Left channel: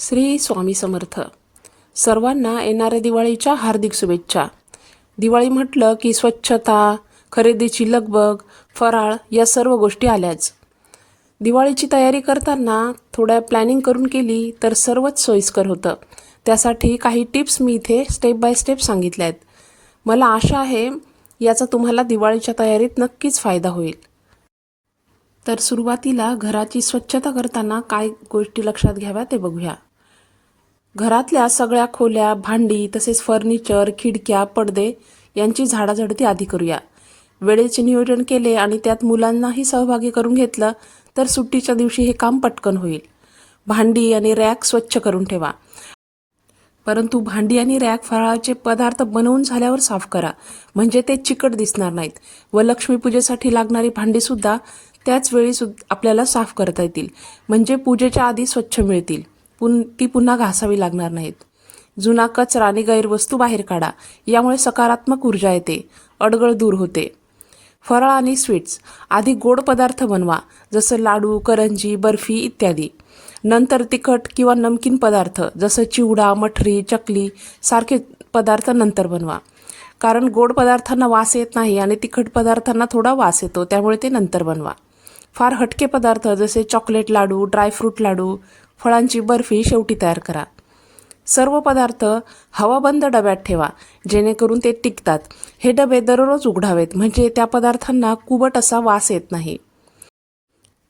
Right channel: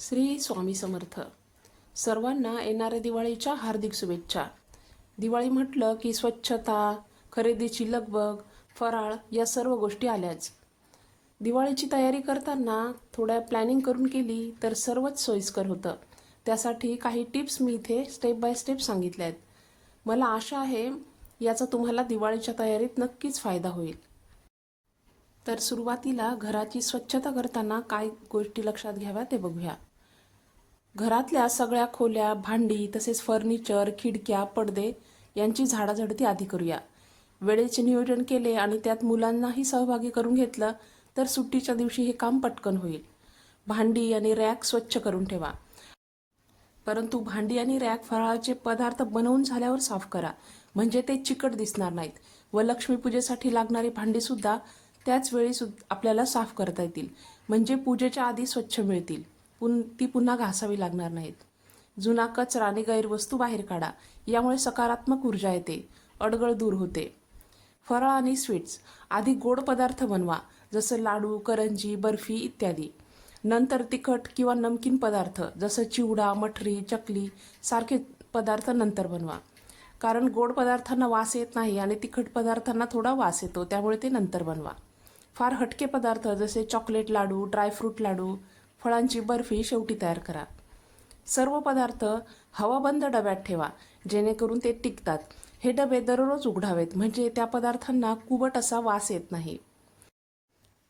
श्री स्वामी समर्थ. सर्वांना येणाऱ्या दिवाळीच्या हार्दिक शुभेच्छा. दिवाळी म्हटलं की स्वच्छता खरेदीची लगबग फराळ या सर्व गोष्टी आल्याच. दिवाळीची तयारी करताना थोड्या प्लॅनिंग करून केली तर सर्वच सोयीस्कर होतं. त्यासाठी काही टिप्स मी इथे स्टेप बाय स्टेप सांगितल्या आहेत मला आशा आहे याचा तुम्हाला दिवाळीच्या तयारीत नक्कीच फायदा होईल. तर सुरुवातीला घराची स्वच्छता करताना काय गोष्टी लक्षात घ्याव्या ते बघूया. घरातल्या सगळ्या खोल्या भांडी तसेच फर्निचर खिडक्या पडदे यांची झाडाझडती आधी करूया. वेळेचे नियोजन केले आणि त्यात मुलांनाही सहभागी करून घेतलं तर सुट्टीच्या दिवशी हे काम पटकन होईल. भांडी आणि रॅक स्वच्छ करून ठेवा. परंतु भांडी आणि रॅक फराळाचे पदार्थ बनवून झाल्यावर साफ करा. म्हणजे ते चिकट दिसणार नाहीत व लक्ष्मीपूजेसाठी लागणारी भांडीसुद्धा त्याच वेळी सुद्धा आपल्याला साफ करता येतील. म्हणजे पूजेच्या आधी स्वच्छ मिळतील. पुन ती पुन्हा घासावी लागणार नाहीत. जुना कचरा आणि गैरवस्तू बाहेर काढा. यामुळे सकारात्मक ऊर्जा येते. अडगळ दूर होते. फराळ आणि स्वीट्स. आधी गोड पदार्थ बनवा. जसं लाडू करंजी बर्फी इत्यादी. नंतर तिखट किंवा नमकीन पदार्थ जसं चिवडा मठरी चकली सारखे पदार्थ नंतर बनवा. कारण गोड पदार्थांना वास येत नाही आणि तिखट पदार्थांना थोडा वास येतो त्यामुळे ते नंतर बनवा. फार हटके पदार्थ जसे चॉकलेट लाडू ड्रायफ्रूट लाडू फळांची बर्फी शेवटी तयार करा. सर्व पदार्थ हवाबंद डब्यात ठेवा जेणेकरून ते टिकतात. हे डबे दररोज उघडावेत म्हणजे त्या पदार्थांना कुबट असा वास येत नाही.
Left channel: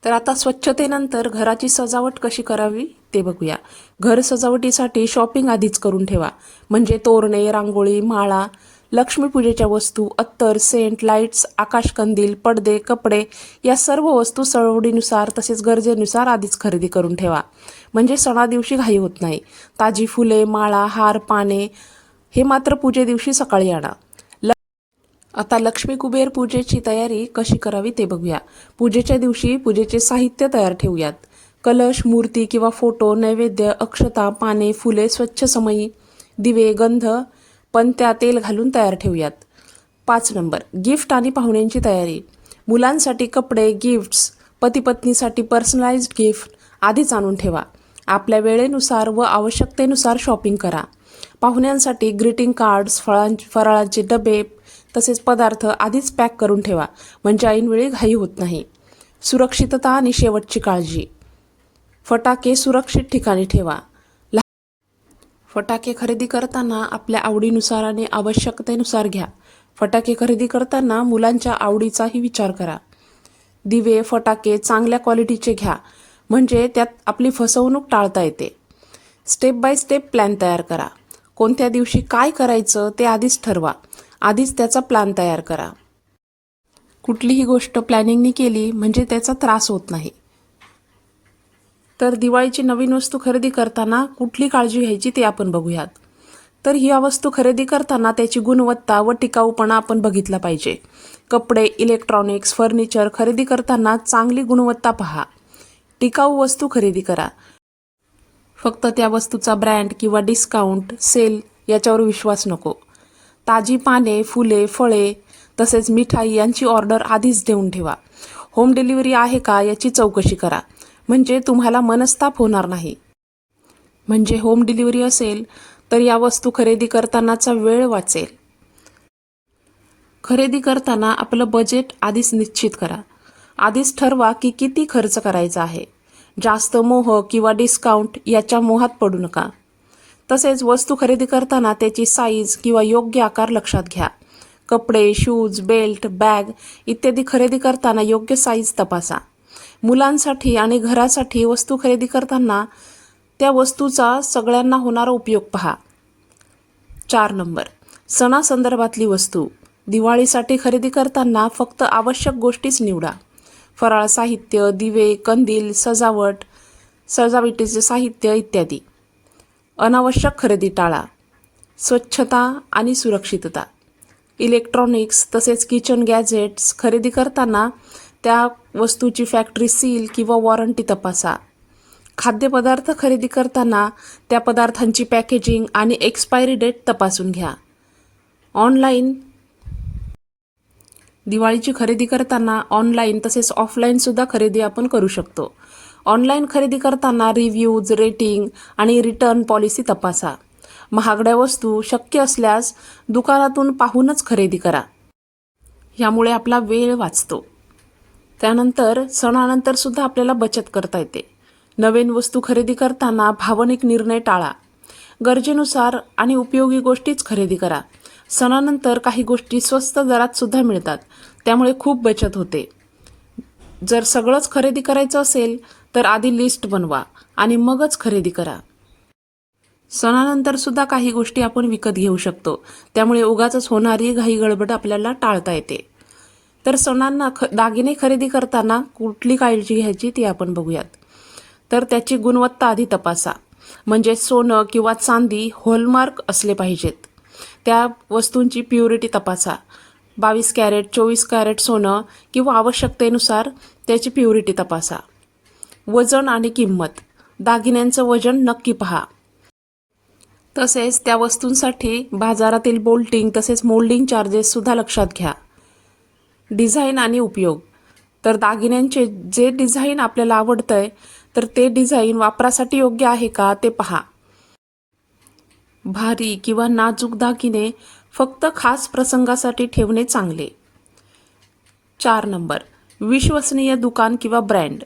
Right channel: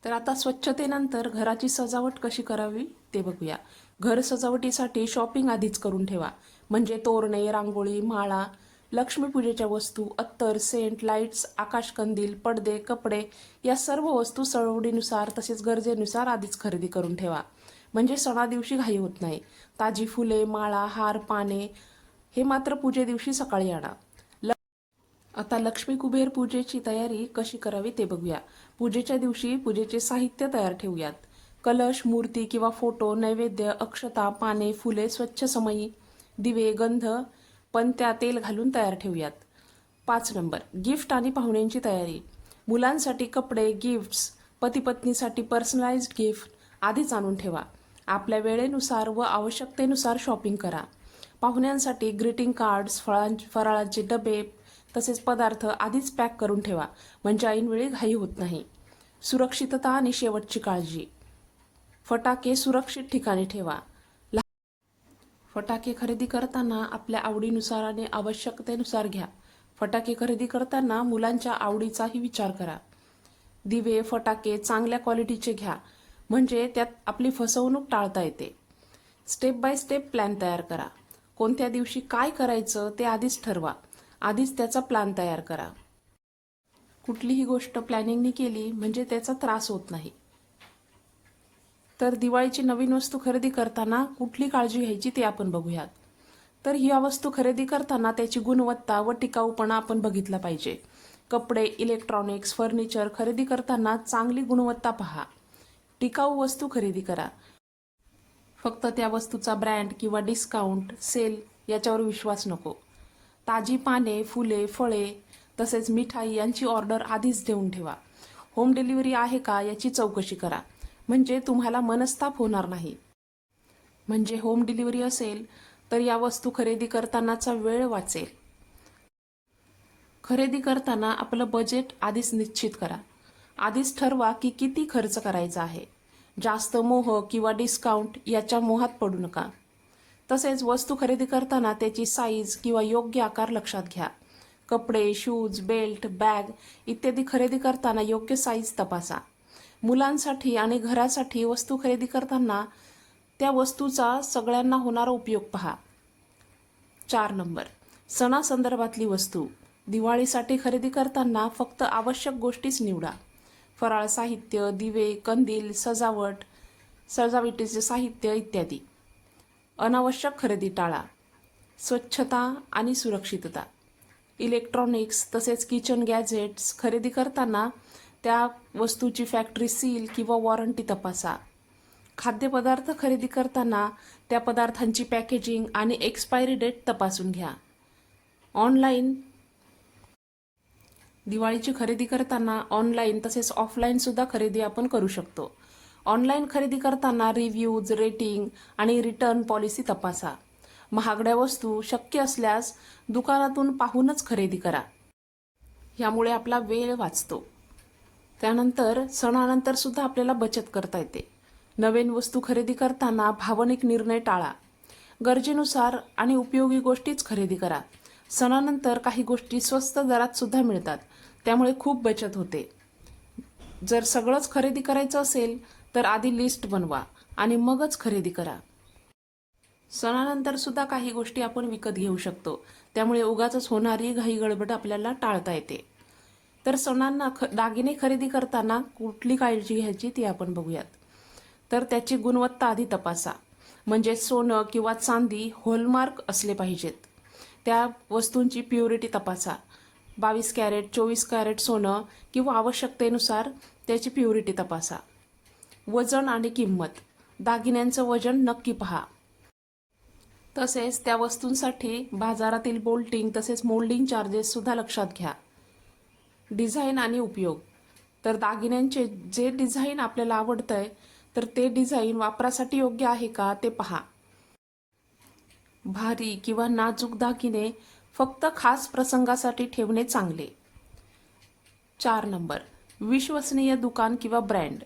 तर आता स्वच्छतेनंतर घराची सजावट कशी करावी ते बघूया. घर सजावटीसाठी शॉपिंग आधीच करून ठेवा म्हणजे तोरणे रांगोळी माळा लक्ष्मीपूजेच्या वस्तू अत्तर सेंट लाईट्स आकाशकंदील पडदे कपडे या सर्व वस्तू चळवडीनुसार तसेच गरजेनुसार आधीच खरेदी करून ठेवा. म्हणजे सणादिवशी घाई होत नाही. ताजी फुले माळा हार पाने हे मात्र पूजे दिवशी सकाळी आणा. ल आता लक्ष्मी कुबेर पूजेची तयारी कशी करावी ते बघूया. पूजेच्या दिवशी पूजेचे साहित्य तयार ठेवूयात. कलश मूर्ती किंवा फोटो नैवेद्य अक्षता पाने फुले स्वच्छ समयी दिवे गंध पण त्या तेल घालून तयार ठेवूयात. पाच नंबर. गिफ्ट आणि पाहुण्यांची तयारी. मुलांसाठी कपडे गिफ्ट्स पती पत्नीसाठी पर्सनलाइज्ड गिफ्ट आधीच आणून ठेवा. आपल्या वेळेनुसार व आवश्यकतेनुसार शॉपिंग करा. पाहुण्यांसाठी ग्रीटिंग कार्ड्स फळां फराळांचे डबे तसेच पदार्थ आधीच पॅक करून ठेवा. म्हणजे ऐनवेळी घाई होत नाही. सुरक्षितता आणि शेवटची काळजी. फटाके सुरक्षित ठिकाणी ठेवा. फटाके खरेदी करताना आपल्या आवडीनुसार आणि आवश्यकतेनुसार घ्या. फटाके खरेदी करताना मुलांच्या आवडीचाही विचार करा. दिवे फटाके चांगल्या क्वालिटीचे घ्या. म्हणजे त्यात आपली फसवणूक टाळता येते. स्टेप बाय स्टेप प्लॅन तयार करा. कोणत्या दिवशी काय करायचं ते आधीच ठरवा. आधीच त्याचा प्लॅन तयार करा. कुठलीही गोष्ट प्लॅनिंगनी केली म्हणजे त्याचा त्रास होत नाही. तर दिवाळीची नवीन वस्तू खरेदी करताना कुठली काळजी घ्यायची ते आपण बघूयात. तर ही वस्तू खरेदी करताना त्याची गुणवत्ता व टिकाऊपणा आपण बघितला पाहिजे. कपडे इलेक्ट्रॉनिक्स फर्निचर खरेदी करताना चांगली गुणवत्ता पहा. टिकाऊ वस्तू खरेदी करा. फक्त त्या वस्तूचा ब्रँड किंवा डिस्काउंट सेल याच्यावर विश्वास नको. ताजी पाने फुले फळे तसेच मिठाई यांची ऑर्डर आधीच देऊन ठेवा. होम डिलिव्हरी आहे का याची चौकशी करा. म्हणजे तुम्हाला मनस्ताप होणार नाही. म्हणजे होम डिलिव्हरी असेल तर या वस्तू खरेदी करतानाचा वेळ वाचेल. खरेदी करताना आपलं बजेट आधीच निश्चित करा. आधीच ठरवा की किती खर्च करायचा आहे. जास्त मोह किंवा डिस्काउंट याच्या मोहात पडू नका. तसेच वस्तू खरेदी करताना त्याची साईज किंवा योग्य आकार लक्षात घ्या. कपडे शूज बेल्ट बॅग इत्यादी खरेदी करताना योग्य साईज तपासा. मुलांसाठी आणि घरासाठी वस्तू खरेदी करताना त्या वस्तूचा सगळ्यांना होणारा उपयोग पहा. चार नंबर. सणासंदर्भातली वस्तू. दिवाळीसाठी खरेदी करताना फक्त आवश्यक गोष्टीच निवडा. फराळ साहित्य दिवे कंदील सजावट सजावटीचे साहित्य इत्यादी. अनावश्यक खरेदी टाळा. स्वच्छता आणि सुरक्षितता. इलेक्ट्रॉनिक्स तसेच किचन गॅजेट्स खरेदी करताना त्या वस्तूची फॅक्टरी सील किंवा वॉरंटी तपासा. खाद्यपदार्थ खरेदी करताना त्या पदार्थांची पॅकेजिंग आणि एक्सपायरी डेट तपासून घ्या. ऑनलाईन दिवाळीची खरेदी करताना ऑनलाईन तसेच ऑफलाईनसुद्धा खरेदी आपण करू शकतो. ऑनलाईन खरेदी करताना रिव्ह्यूज रेटिंग आणि रिटर्न पॉलिसी तपासा. महागड्या वस्तू शक्य असल्यास दुकानातून पाहूनच खरेदी करा. यामुळे आपला वेळ वाचतो. त्यानंतर सणानंतर सुद्धा आपल्याला बचत करता येते. नवीन वस्तू खरेदी करताना भावनिक निर्णय टाळा. गरजेनुसार आणि उपयोगी गोष्टीच खरेदी करा. सणानंतर काही गोष्टी स्वस्त दरात सुद्धा मिळतात. त्यामुळे खूप बचत होते. जर सगळंच खरेदी करायचं असेल तर आधी लिस्ट बनवा आणि मगच खरेदी करा. सणानंतर सुद्धा काही गोष्टी आपण विकत घेऊ शकतो. त्यामुळे उगाच होणारी घाई गडबड आपल्याला टाळता येते. तर सणांना ख दागिने खरेदी करताना कुठली काळजी घ्यायची ती आपण बघूयात. तर त्याची गुणवत्ता आधी तपासा. म्हणजे सोनं किंवा चांदी हॉलमार्क असले पाहिजेत. त्या वस्तूंची प्युरिटी तपासा. बावीस कॅरेट चोवीस कॅरेट सोनं किंवा आवश्यकतेनुसार त्याची प्युरिटी तपासा. वजन आणि किंमत. दागिन्यांचं वजन नक्की पहा. तसेच त्या वस्तूंसाठी बाजारातील बोल्टिंग तसेच मोल्डिंग चार्जेससुद्धा लक्षात घ्या. डिझाईन आणि उपयोग. तर दागिन्यांचे जे डिझाईन आपल्याला आवडतं आहे तर ते डिझाईन वापरासाठी योग्य आहे का ते पहा. भारी किंवा नाजूक दागिने फक्त खास प्रसंगासाठी ठेवणे चांगले. चार नंबर. विश्वसनीय दुकान किंवा ब्रँड.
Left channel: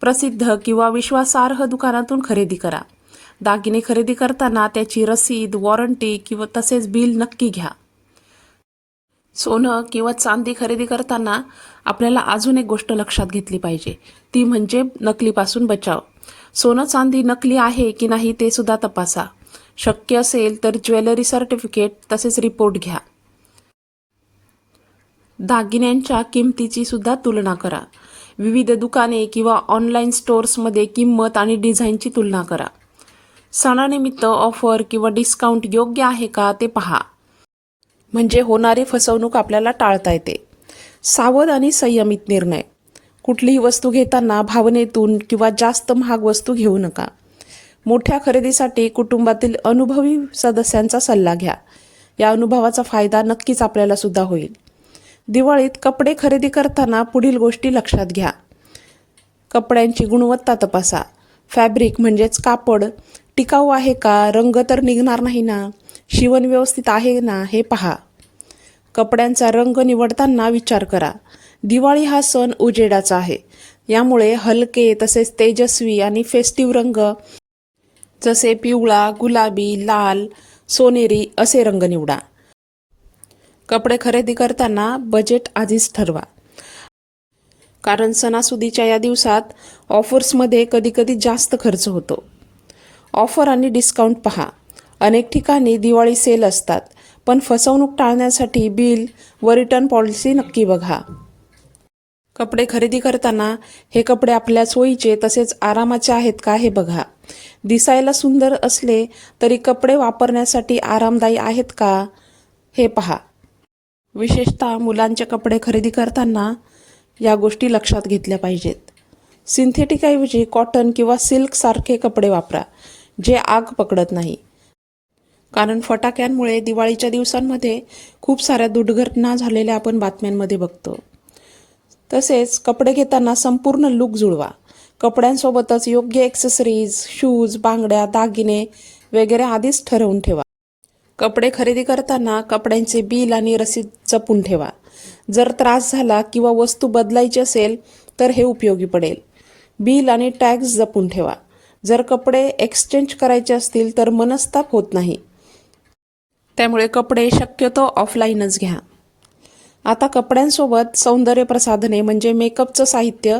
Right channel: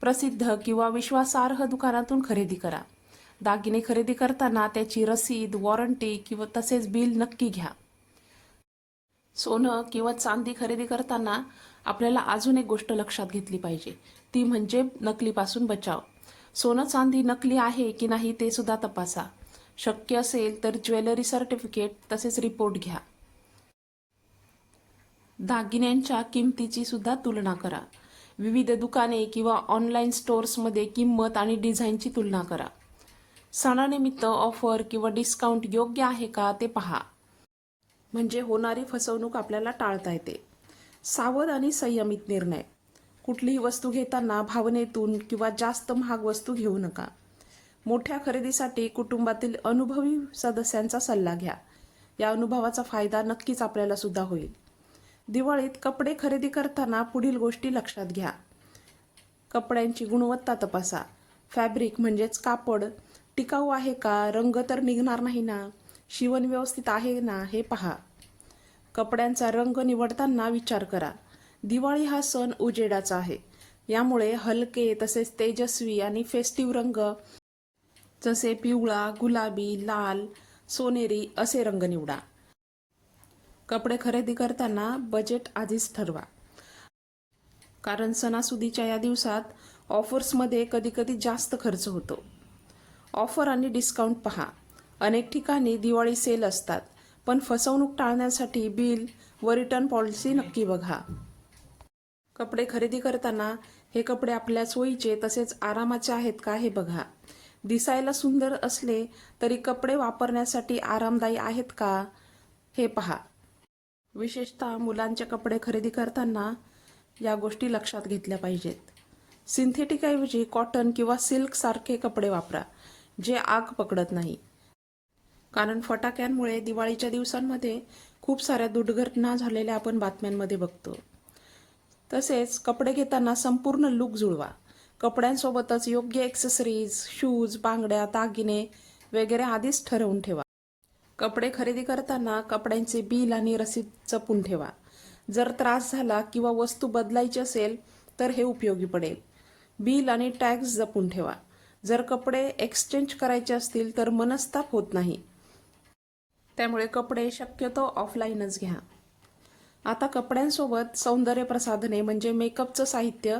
प्रसिद्ध किंवा विश्वासार्ह दुकानातून खरेदी करा. दागिने खरेदी करताना त्याची रसीद वॉरंटी किंवा तसेच बिल नक्की घ्या. सोनं किंवा चांदी खरेदी करताना आपल्याला अजून एक गोष्ट लक्षात घेतली पाहिजे. ती म्हणजे नकलीपासून बचाव. सोनं चांदी नकली आहे की नाही ते सुद्धा तपासा. शक्य असेल तर ज्वेलरी सर्टिफिकेट तसेच रिपोर्ट घ्या. दागिन्यांच्या किमतीची सुद्धा तुलना करा. विविध दुकाने किंवा ऑनलाईन स्टोअर्समध्ये किंमत आणि डिझाईनची तुलना करा. सणानिमित्त ऑफर किंवा डिस्काउंट योग्य आहे का ते पहा. म्हणजे होणारी फसवणूक आपल्याला टाळता येते. सावध आणि संयमित निर्णय. कुठलीही वस्तू घेताना भावनेतून किंवा जास्त महाग वस्तू घेऊ नका. मोठ्या खरेदीसाठी कुटुंबातील अनुभवी सदस्यांचा सल्ला घ्या. या अनुभवाचा फायदा नक्कीच आपल्याला सुद्धा होईल. दिवाळीत कपडे खरेदी करताना पुढील गोष्टी लक्षात घ्या. कपड्यांची गुणवत्ता तपासा. फॅब्रिक म्हणजेच कापड टिकाऊ आहे का? रंग तर निघणार नाही ना? शिवण व्यवस्थित आहे ना हे पहा. कपड्यांचा रंग निवडताना विचार करा. दिवाळी हा सण उजेडाचा आहे. यामुळे हलके तसेच तेजस्वी आणि फेस्टिव्ह रंग जसे पिवळा गुलाबी लाल सोनेरी असे रंग निवडा. कपडे खरेदी करताना बजेट आधीच ठरवा. कारण सणासुदीच्या या दिवसात ऑफर्समध्ये कधीकधी जास्त खर्च होतो. ऑफर आणि डिस्काउंट पहा. अनेक ठिकाणी दिवाळी सेल असतात पण फसवणूक टाळण्यासाठी बिल व रिटर्न पॉलिसी नक्की बघा. कपडे खरेदी करताना हे कपडे आपल्या सोयीचे तसेच आरामाचे आहेत का हे बघा. दिसायला सुंदर असले तरी कपडे वापरण्यासाठी आरामदायी आहेत का हे पहा. विशेषतः मुलांचे कपडे खरेदी करताना या गोष्टी लक्षात घेतल्या पाहिजेत. सिंथेटिकऐवजी कॉटन किंवा सिल्कसारखे कपडे वापरा जे आग पकडत नाही. कारण फटाक्यांमुळे दिवाळीच्या दिवसांमध्ये खूप साऱ्या दुर्घटना झालेल्या आपण बातम्यांमध्ये बघतो. तसेच कपडे घेताना संपूर्ण लुक जुळवा. कपड्यांसोबतच योग्य एक्सेसरीज शूज बांगड्या दागिने वगैरे आधीच ठरवून ठेवा. कपडे खरेदी करताना कपड्यांचे बिल आणि रसीद जपून ठेवा. जर त्रास झाला किंवा वस्तू बदलायची असेल तर हे उपयोगी पडेल. बिल आणि टॅक्स जपून ठेवा. जर कपडे एक्सचेंज करायचे असतील तर मनस्ताप होत नाही. त्यामुळे कपडे शक्यतो ऑफलाईनच घ्या. आता कपड्यांसोबत सौंदर्य प्रसाधने म्हणजे मेकअपचं साहित्य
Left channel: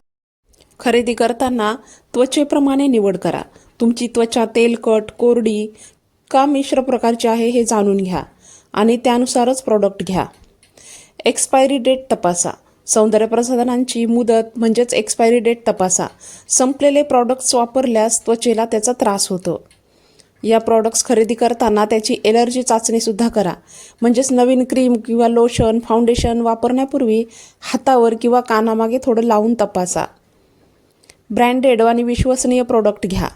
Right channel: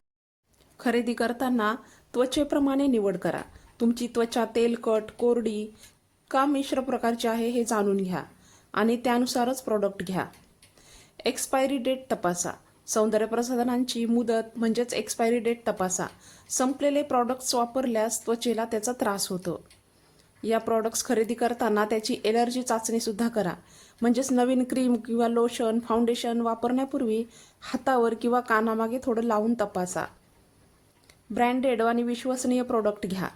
खरेदी करताना त्वचेप्रमाणे निवड करा. तुमची त्वचा तेलकट कोरडी का मिश्र प्रकारची आहे हे जाणून घ्या आणि त्यानुसारच प्रॉडक्ट घ्या. एक्सपायरी डेट तपासा. सौंदर्य प्रसाधनांची मुदत म्हणजेच एक्सपायरी डेट तपासा. संपलेले प्रॉडक्ट्स वापरल्यास त्वचेला त्याचा त्रास होतो. या प्रॉडक्ट्स खरेदी करताना त्याची एलर्जी चाचणीसुद्धा करा. म्हणजेच नवीन क्रीम किंवा लोशन फाउंडेशन वापरण्यापूर्वी हातावर किंवा कानामागे थोडं लावून तपासा. ब्रँडेड आणि विश्वसनीय प्रॉडक्ट घ्या.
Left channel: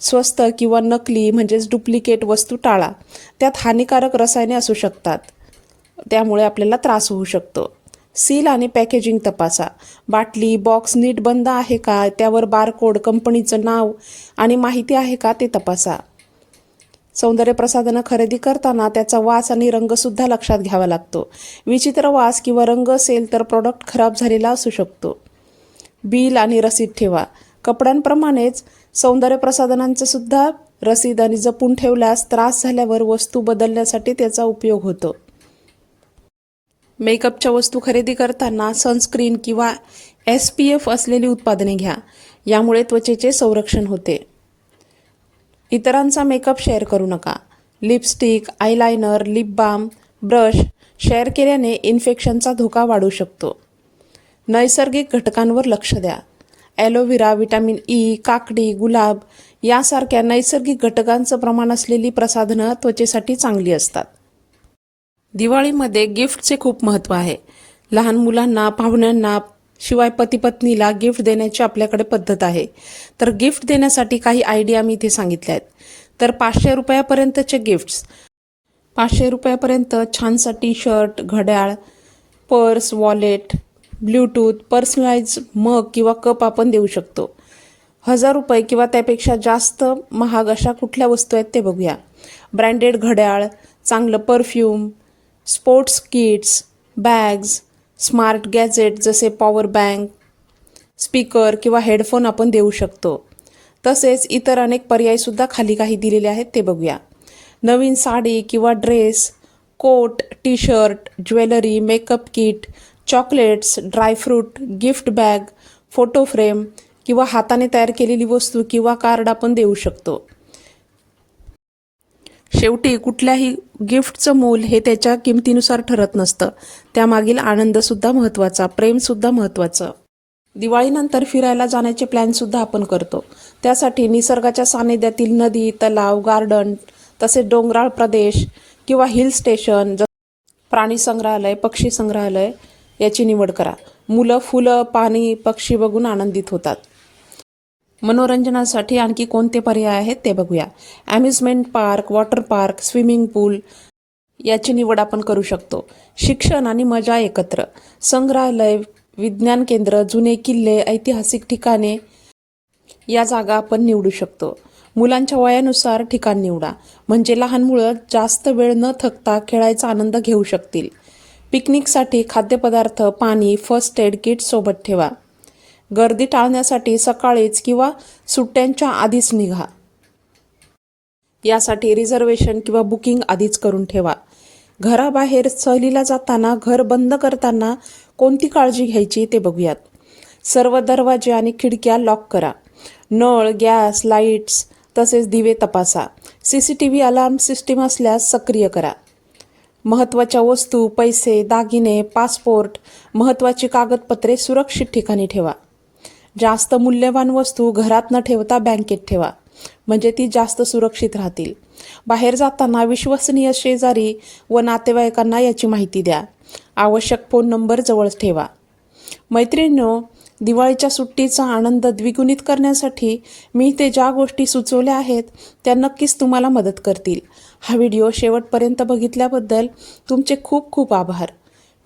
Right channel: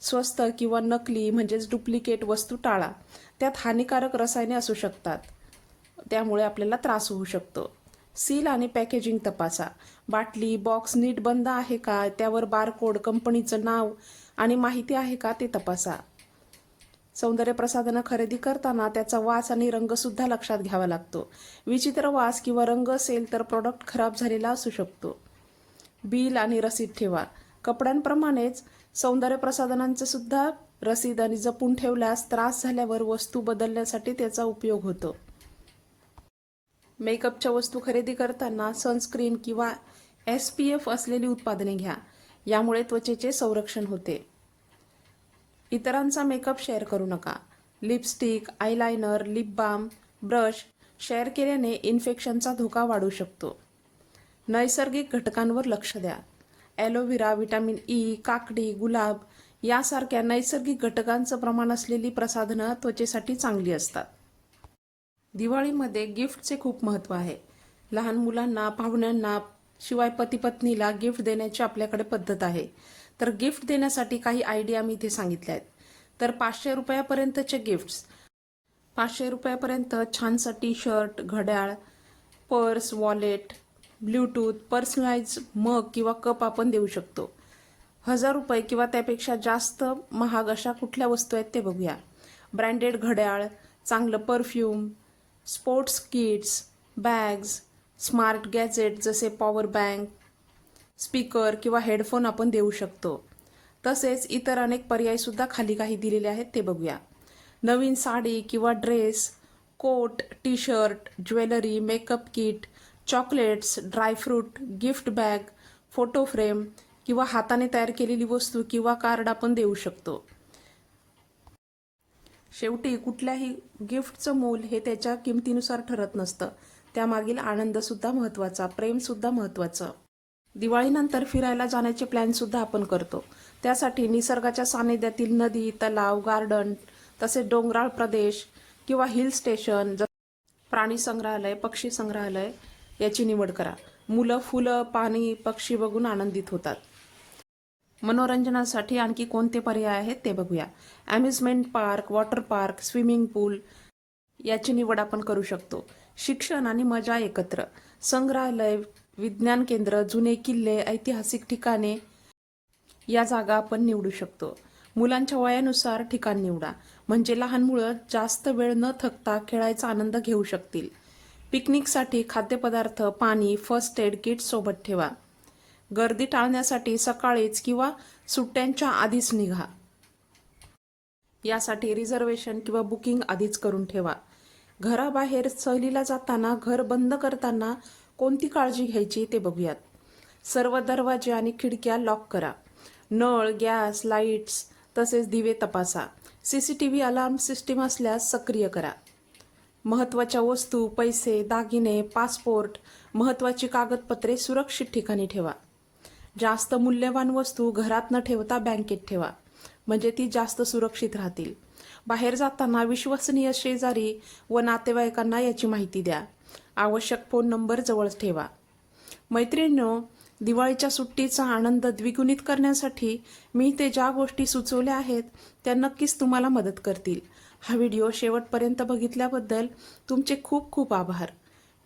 स्वस्त किंवा नकली म्हणजेच डुप्लिकेट वस्तू टाळा. त्यात हानिकारक रसायने असू शकतात. त्यामुळे आपल्याला त्रास होऊ शकतो. सील आणि पॅकेजिंग तपासा. बाटली बॉक्स नीट बंद आहे का? त्यावर बारकोड कंपनीचं नाव आणि माहिती आहे का? ते तपासा. सौंदर्यप्रसाधनं खरेदी करताना त्याचा वास आणि रंगसुद्धा लक्षात घ्यावा लागतो. विचित्र वास किंवा रंग असेल तर प्रॉडक्ट खराब झालेला असू शकतो. बिल आणि रसीद ठेवा. कपड्यांप्रमाणेच सौंदर्यप्रसाधनांचंसुद्धा सुद्धा रसीद आणि जपून ठेवल्यास त्रास झाल्यावर वस्तू बदलण्यासाठी त्याचा उपयोग होतो. मेकअपच्या वस्तू खरेदी करताना सनस्क्रीन किंवा एस पी एफ असलेली उत्पादने घ्या. यामुळे त्वचेचे संरक्षण होते. इतरांचा मेकअप शेअर करू नका. Lipstick eyeliner lip balm brush share केल्याने इन्फेक्शनचा धोका वाढू शकतो. नैसर्गिक घटकांवर लक्ष द्या. ॲलोव्हेरा विटॅमिन ई काकडी गुलाब यासारख्या नैसर्गिक घटकांचं प्रमाण असलेली प्रसाधनं त्वचेसाठी चांगली असतात. दिवाळीमध्ये गिफ्टचे खूप महत्त्व आहे. लहान मुलांना पाहुण्यांना शिवाय पतीपत्नीला गिफ्ट देण्याची आपल्याकडे पद्धत आहे. तर गिफ्ट देण्यासाठी काही आयडिया मी इथे सांगितल्या आहेत. तर पाचशे रुपयापर्यंतचे गिफ्ट्स पाचशे रुपयापर्यंत छानसा टी शर्ट घड्याळ purse wallet Bluetooth personalise mug किंवा कप आपण देऊ शकतो. हजार रुपये किंवा त्यापेक्षा जास्त महाग अशा कुठल्या वस्तू आहेत ते बघूया. ब्रँडेड घड्याळ चांगलं perfume sports kits bags smart gadget जसे पॉवर बँक स्पीकर किंवा हेडफोन आपण देऊ शकतो. तसेच इतर अनेक पर्यायसुद्धा खाली काही दिलेले आहेत ते बघूया. नवीन साडी किंवा dress coat T shirt jewellery makeup kit chocolates dry fruit gift bag photo frame किंवा हाताने तयार केलेली वस्तू किंवा कार्ड आपण देऊ शकतो. शेवटी कुठल्याही गिफ्टचं मोल हे त्याच्या किमतीनुसार ठरत नसतं. त्यामागील आनंदसुद्धा महत्त्वाचा प्रेमसुद्धा महत्त्वाचं. दिवाळीनंतर फिरायला जाण्याचे प्लॅनसुद्धा आपण करतो. त्यासाठी निसर्गाच्या सानिध्यातील नदी तलाव गार्डन तसेच डोंगराळ प्रदेश किंवा हिल स्टेशन ज प्राणी संग्रहालय पक्षी संग्रहालय याची निवड करा. मुलं फुलं पाणी पक्षी बघून आनंदित होतात. मनोरंजनासाठी आणखी कोणते पर्याय आहेत ते बघूया. Amusement park water park swimming pool याची निवड आपण करू शकतो. शिक्षण आणि मजा एकत्र. संग्रहालय विज्ञान केंद्र जुने किल्ले ऐतिहासिक ठिकाणे या जागा आपण निवडू शकतो. मुलांच्या वयानुसार ठिकाण निवडा. म्हणजे लहान मुलं जास्त वेळ न थकता खेळायचा आनंद घेऊ शकतील. पिकनिकसाठी खाद्यपदार्थ पाणी फर्स्ट एड किट सोबत ठेवा. गर्दी टाळण्यासाठी सकाळीच किंवा सुट्ट्यांच्या आधीच निघा. यासाठी रिझर्वेशन किंवा बुकिंग आधीच करून ठेवा. घराबाहेर सहलीला जाताना घर बंद करताना कोणती काळजी घ्यायची ते बघूयात. सर्व दरवाजे आणि खिडक्या लॉक करा. नळ गॅस लाईट्स तसेच दिवे तपासा. C C T V alarm system असल्यास सक्रिय करा. महत्त्वाच्या वस्तू पैसे दागिने पासपोर्ट महत्त्वाची कागदपत्रे सुरक्षित ठिकाणी ठेवा. जास्त मूल्यवान वस्तू घरात न ठेवता बँकेत ठेवा. म्हणजे ती जास्त सुरक्षित राहतील. बाहेर जाताना विश्वसनीय शेजारी व नातेवाईकांना याची माहिती द्या. आवश्यक फोन नंबर जवळ ठेवा. मैत्रिणींनो दिवाळीच्या सुट्टीचा आनंद द्विगुणित करण्यासाठी मी ते ज्या गोष्टी सुचवल्या आहेत त्या नक्कीच तुम्हाला मदत करतील. हा व्हिडिओ शेवटपर्यंत बघितल्याबद्दल तुमचे खूप खूप आभार.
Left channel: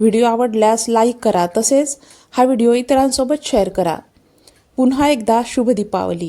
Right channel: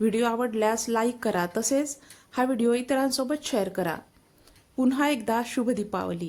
व्हिडिओ आवडल्यास लाईक करा तसेच हा व्हिडिओ इतरांसोबत शेअर करा. पुन्हा एकदा शुभ दीपावली